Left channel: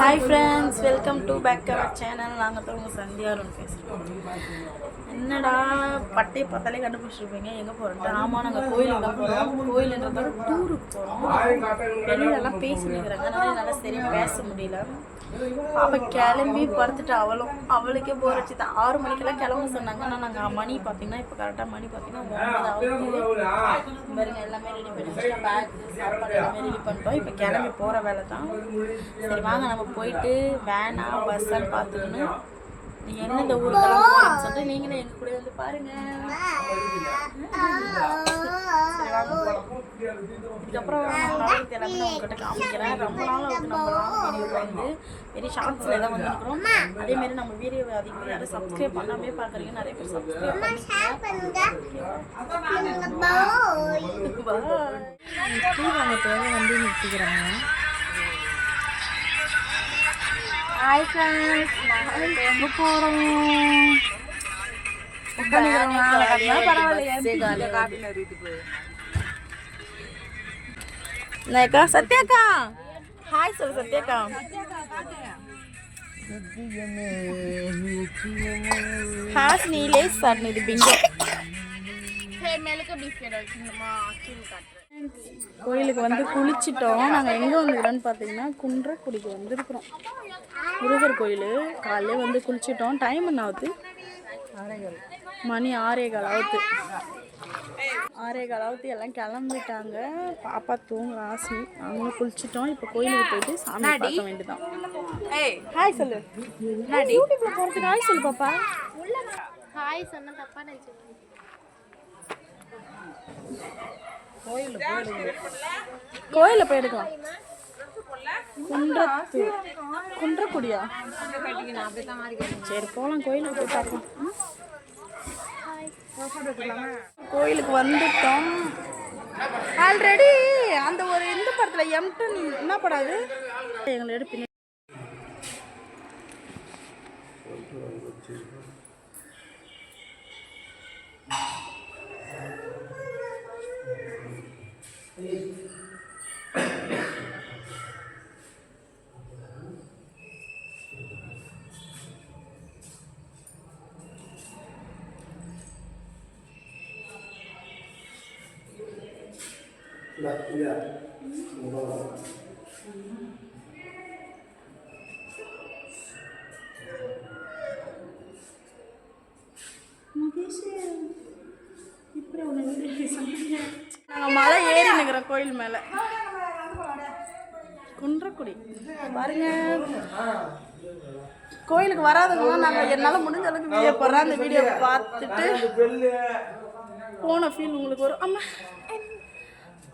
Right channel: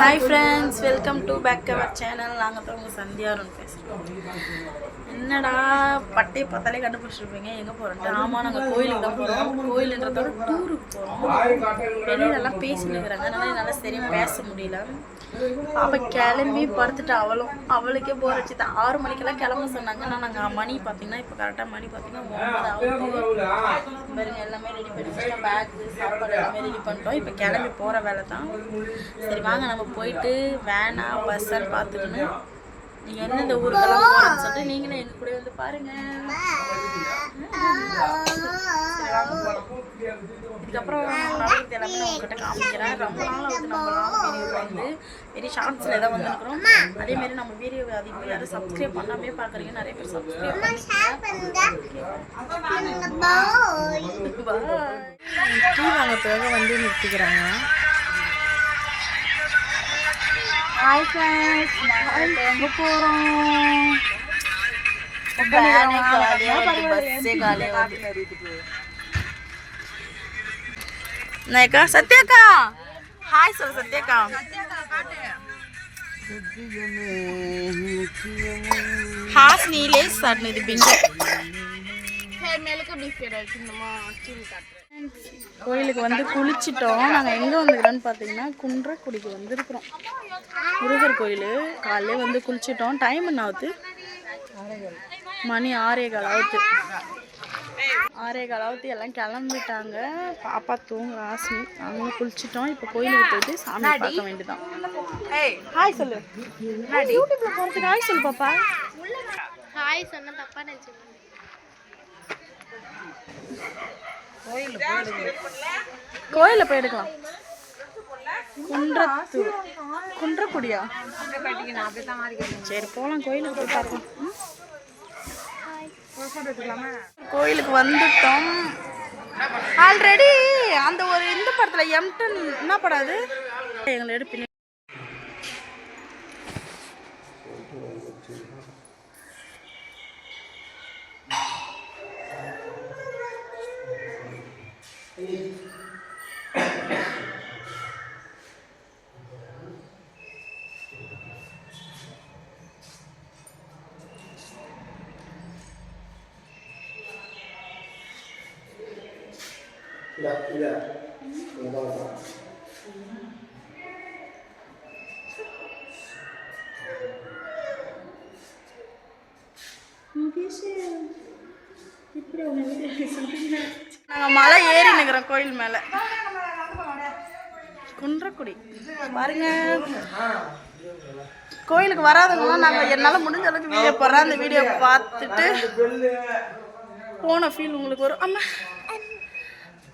Hi friends welcome to back our channel நாங்கள் தான் உங்கள் சந்தியாருன்னு பேசுகிறோம் என்னடா பட்டையை பார்த்தாலே கண்டுபிடிச்சிருப்பீங்க. எங்கே போகிறோன்ட்டு ஆமாம் நாங்கள் கோயிலுக்கு தான் போகிறோம் கோயிலுன்றதோட டூருக்கு போகிறோம் வெளியிலலாம் பேசிட்டு இருக்கிறாங்க அதனால என்னால் சரியாக பேச முடியல. அப்போ கிளம்பி படுத்துட்டு அவளும் அவளுக்கே போர் தான் ஆறு மணிக்கெல்லாம் கிளம்ப சொன்னாங்க. ஆனால் நாங்கள் மணி பார்த்தீங்கன்னா இப்போ கரெக்டாக மணி பார்த்தீங்கன்னா ஒன்பது ஆகுது. பாருங்க எல்லாமே ரெடி பண்ணி பேக் சாப்பாடு எல்லாமே ரெடி பண்ணிட்டோம். இப்போ கிளம்பி போகிற வேலை தான். சரி வாங்க நம்ம போயிட்டு வேனா பஸ்ஸான்னு பார்த்துக்கணும் நீங்கள் எந்தெந்த ஊருக்கெல்லாம் போகிறோம்னு சொல்லிட்டு நீங்களும் எங்கள் கூட வந்து பாருங்க. சரி வாங்க போகலாம் இதுக்கப்புறம் நடக்கிறது எல்லாமே நான் உங்ககிட்ட காமிக்கிறேன். ரொம்ப நாள் ஆகுது நம்ம லாங் வீடியோ வந்து வெரி ஷார்ட்ஸில் தான் வந்துருக்குறோம். அதேமாரி நம்ம வீடியோ அதிகமாக யாரும் சப்ஸ்கிரைப் பண்ணாமே பார்க்குறீங்க நிறைய பேர் சப்ஸ்கிரைப் பண்ணிக்கோங்க. டீ வாங்க போக வந்து நிறுத்திக்கிறாங்க. ஹாய் ஃப்ரெண்ட்ஸ் நாங்கள் எங்கே போகிறோம் நாயக்கா சத்யாக்கா ஹாய் சொல்லு சத்யாக்கா ஹாஸ்னி லேஸ் சாட்னு இது பிங்கோ கோயிலுக்கு வந்து குளிச்சிட்டோம். நாங்கள் எங்கே வந்துக்கிறோன்னு பார்த்தீங்கன்னா குன்றக்குடிக்கு வந்திருக்கிறோம். முருகர் கோயில். காலையிலே வந்து குளிச்சிட்டோம். டைம் என்ன ஆகுது மணி ஆறே கால் ஆகுது ஆறே கால் ஆகுது எல்லாம் கிளம்பிட்டாங்க. பாப்பா தூங்க ஆசினி நாங்களும் குளிச்சிட்டோம். இப்போ கோயிலுக்கு போயிட்டு சாமி பார்க்க வேண்டியதான் ஹாய் சொல்லு. யூடியூப்ல போகிறதுக்கு ஹாய் சொல்லு பாப்பா. ஹாய் சொன்ன தப்பா நினைச்சு கோயிலில் போய் எடுக்கலாம் குன்றத்து குன்றக்குடியா? சரி போகலாம் கோயிலுக்கு போய் பார்க்கலாம். கோயிலுக்கு வந்துட்டோம். ஆல்ரெடி அந்த ஒரு இந்த படத்தில் எம்டன் என்ன படம் அது? எங்களை எடுப்பின நாங்கள் மலை ஏறி நிற்கிறோம் கோயில் மேலே. குன்றக்குடி. பாருங்க. கோயிலுக்கு வராதவங்களாம் நாங்கள் என்னால் முடிஞ்ச அளவுக்கு வீடியோ போடுறேன். அந்த வீடியோ பார்த்துட்டு போன ஃபீல் உங்களுக்கு வரும். அம்மா.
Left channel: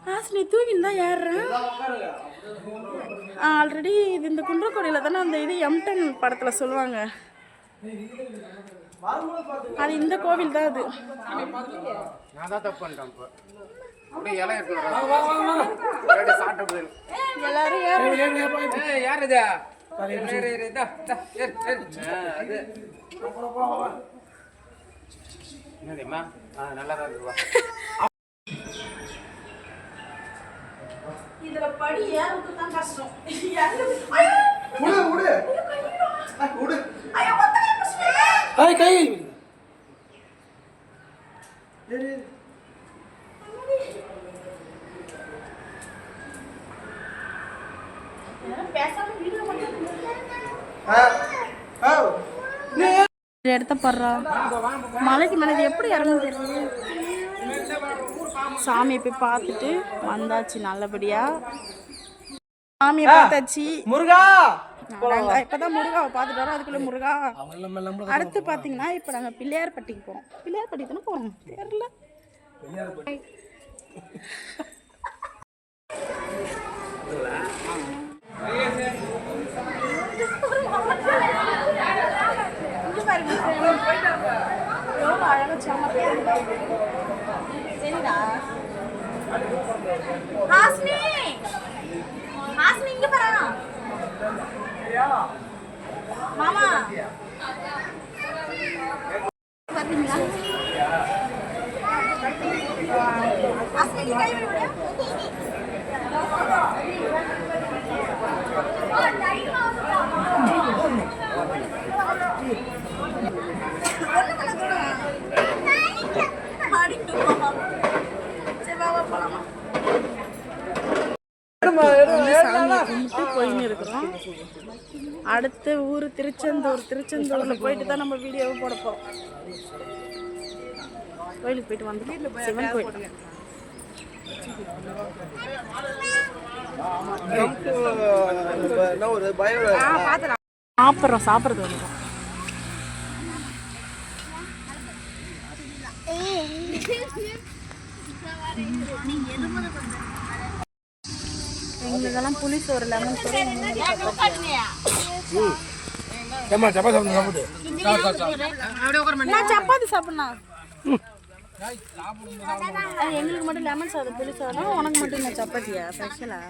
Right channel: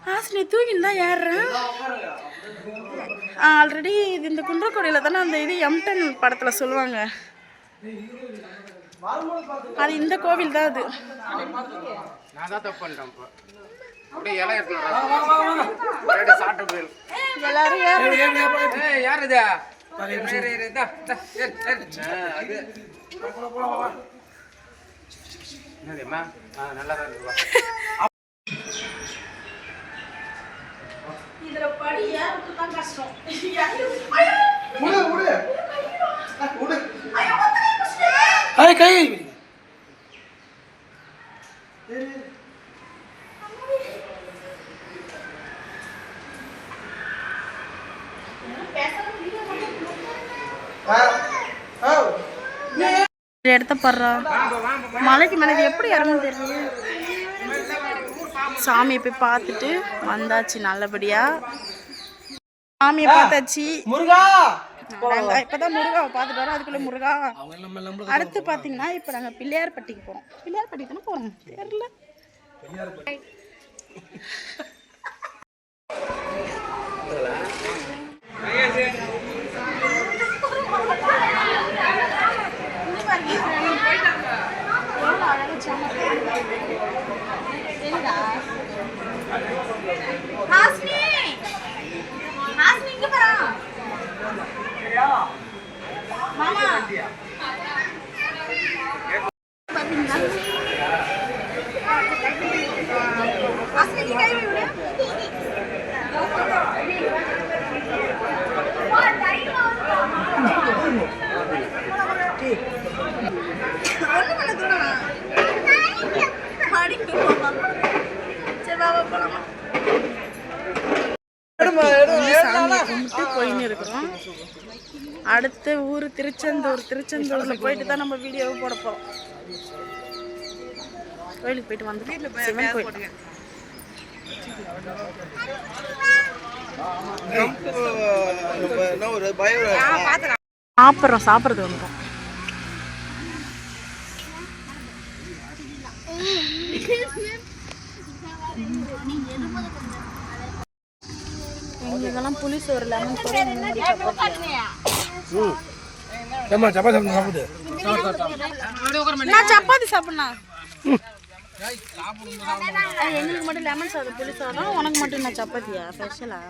ஆசினி தூக்கின்னு தான் ஏறுறேன் ஆல்ரெடி இது இந்த குன்றக்குடியில் தானே அந்த இது எம்டன் படத்தில் சொல்லுவாங்க அது இந்த கோவில் தான் அது எல்லாரும் தான் இப்போ அப்படியே இலை எடுத்துட்டு சாப்பிட்டு போயிடும் எல்லாரும் ஏறு. ஏய் யார் இது இரு, இரு, இந்தா, இந்தா, ஏறு, ஏறு. ஆ, அது என்னதும்மா? ஆ, நல்லா தான் இருக்கு, வா. இதுல படி தான் கஷ்டம் கை எடுத்த படுறா மலைக்கு மேலே எப்படி இறங்கும் தெரியல சாமியை போய் பார்த்துட்டு வந்தாச்சு நல்லபடியா. சாமியை பார்த்தாச்சு. முருகா! நாங்கள் இப்போதான் முருகாவை பார்த்துட்டு வரோம். அதுக்குள்ளே முருகா. அடுத்து பார்த்தீங்கன்னா இப்போ நாங்கள் பிள்ளையார்பட்டிக்கு போகிறோம் பிள்ளையார்பட்டிக்கு தானே போகிறோம் தெரியல. ஹாஸ்மி! ஹாஸ்மி இங்க வரா மாமா. பாத்தீங்களா? சரி பாபா போலாமா. இருக்கிறோம். அடுத்து ஊர் திருச்செந்தூர் திருச்செந்தூரில் போயிட்டு தான் நம்ம வீடியோவை போட போகிறோம் கோயிலுக்கு போயிட்டு வந்துட்டோம். சிவன் கோயில். என்ன சாப்பிட்றோம் சாப்பிட்றது வந்துடும் எங்களுக்கெல்லாம் புளி சோறு லெமன் சோறு நான் சப்பாத்தி சாப்பிட்ணும் எங்களுக்கு மட்டும் லெமன் சாதம் புளி சாதம் உனக்கு மட்டும் நான் சப்பாத்தியா? ஸ்பெஷலா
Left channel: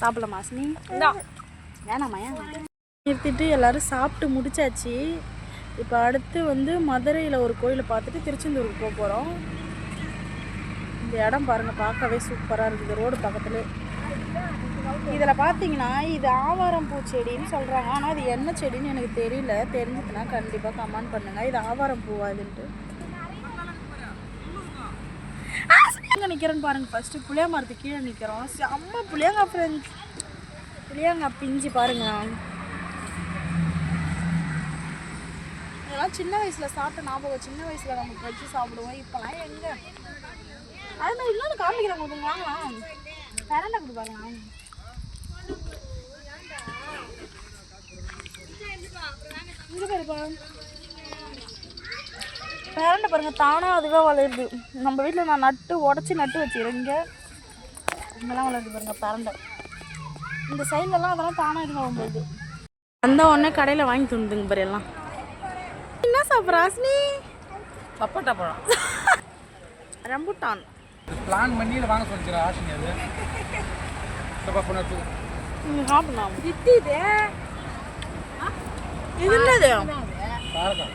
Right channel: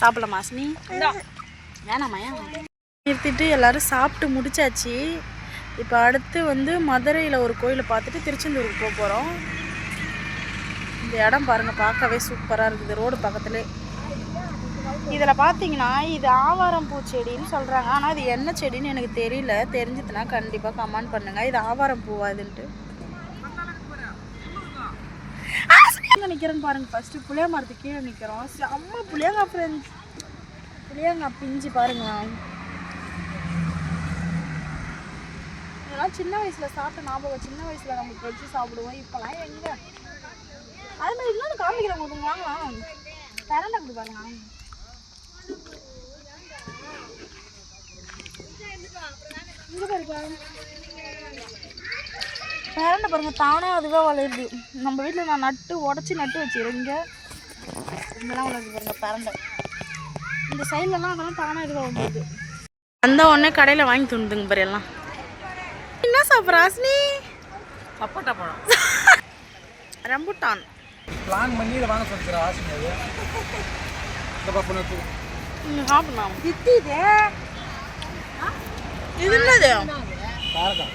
சாப்பிடலாமா அஸ்னி வேணாமா ஏன்? நிறுத்திட்டு எல்லாரும் சாப்பிட்டு முடிச்சாச்சு. இப்போ அடுத்து வந்து மதுரையில் ஒரு கோயிலை பார்த்துட்டு திருச்செந்தூருக்கு போக போகிறோம் இந்த இடம் பாருங்கள் பார்க்கவே சூப்பராக இருக்குது. ரோடு பக்கத்தில். இதில் பார்த்தீங்கன்னா இது ஆவாரம் பூ செடின்னு சொல்கிறாங்க ஆனால் இது என்ன செடின்னு எனக்கு தெரியல. தெரிஞ்சதுன்னா கண்டிப்பாக கமெண்ட் பண்ணுங்கள் இது ஆவாரம் பூவா இதுன்ட்டு? நிற்கிறேன்னு பாருங்கள் ஃபஸ்ட்டு புளியா கீழே நிற்கிறோம் செம்ம புளியாங்கா ஃப்ரெண்ட்ஸ் புளியாங்கா பிஞ்சு பாருங்க. இதெல்லாம் சின்ன வயசில் சாப்பிட்ட ஞாபகம் சின்ன வயசில் நம்ம வச்சு சாப்பிடுவோம் இப்போலாம் எங்கே? அது மாதிரி இன்னொன்று காமிக்கிறேன் உங்களுக்கு வாங்கலாம் பரண்டை கொடு பாருங்க இங்கே பாருப்பா பரண்டை பாருங்க தானாக அதுவே வளருது. நம்ம வீட்டில் நான் நட்டு உடச்சி நட்டு வச்சுருங்க இங்கெல்லாம் வளருது பாருங்க பரண்டை இந்த சைட்லலாம் அதெல்லாம் தானாக இதுவாக வந்துடுது அந்த உடனே கடையில் வாங்கி துணுதுங்க பாரு எல்லாம். சாப்பிட்ற ஆசினி சப்போட்டா பழம் ரம்புட்டான். பிளான் பண்ணி இதை வாங்க சொல்லிக்கிற ஆசை அது. இந்த பக்கம் வச்சு ம் சாப்பிடலாம் இது என்னது? காரக்கா